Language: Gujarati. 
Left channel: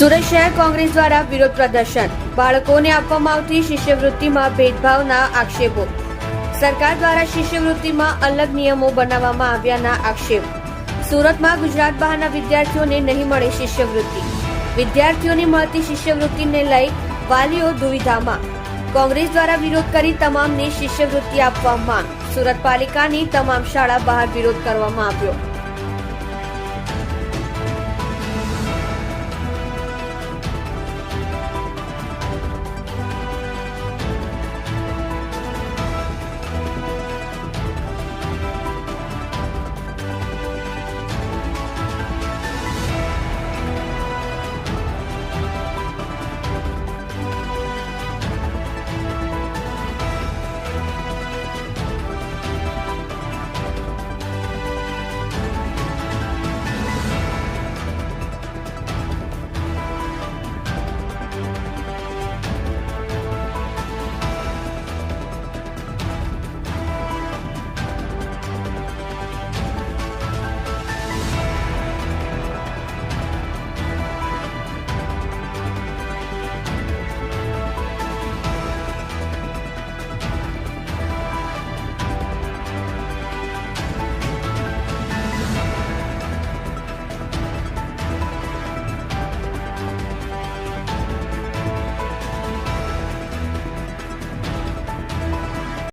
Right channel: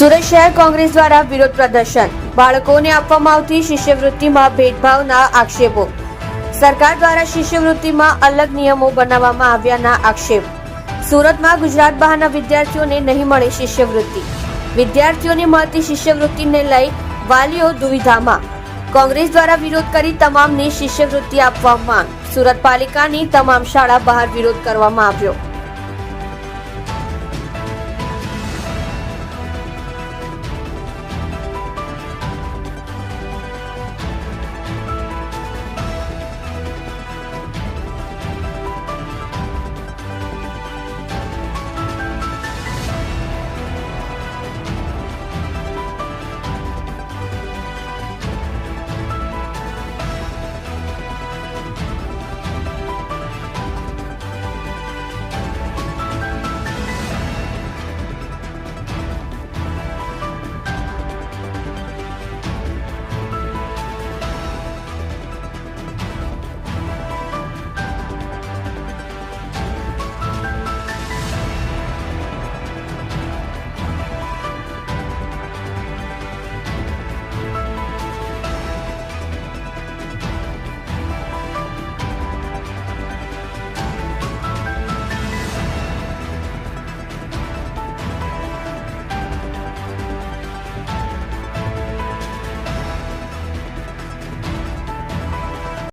સુરત શહેર કોંગ્રેસ દ્વારા વિરોધ પ્રદર્શન, બાળકોને આપવામાં આવતી શિષ્યવૃત્તિમાં ભેદભાવના આક્ષેપો, સરકાર દ્વારા શિષ્યવૃત્તિમાં અલગ નિયમો બનાવવામાં આવ્યાના આક્ષેપ, સુરતમાં ગુજરાત બહારના વિદ્યાર્થીઓને નહીં મળે શિષ્યવૃત્તિ, વિદ્યાર્થીઓને મળતી શિષ્યવૃત્તિને લઈ વાલીઓ દુવિધામાં, કોંગ્રેસ દ્વારા વિરોધ કરી તમામને શિષ્યવૃત્તિ આપવા માંગ, સુરત પાલિકાની તમામ શાળા બહાર વિરોધ કરવામાં આવ્યો।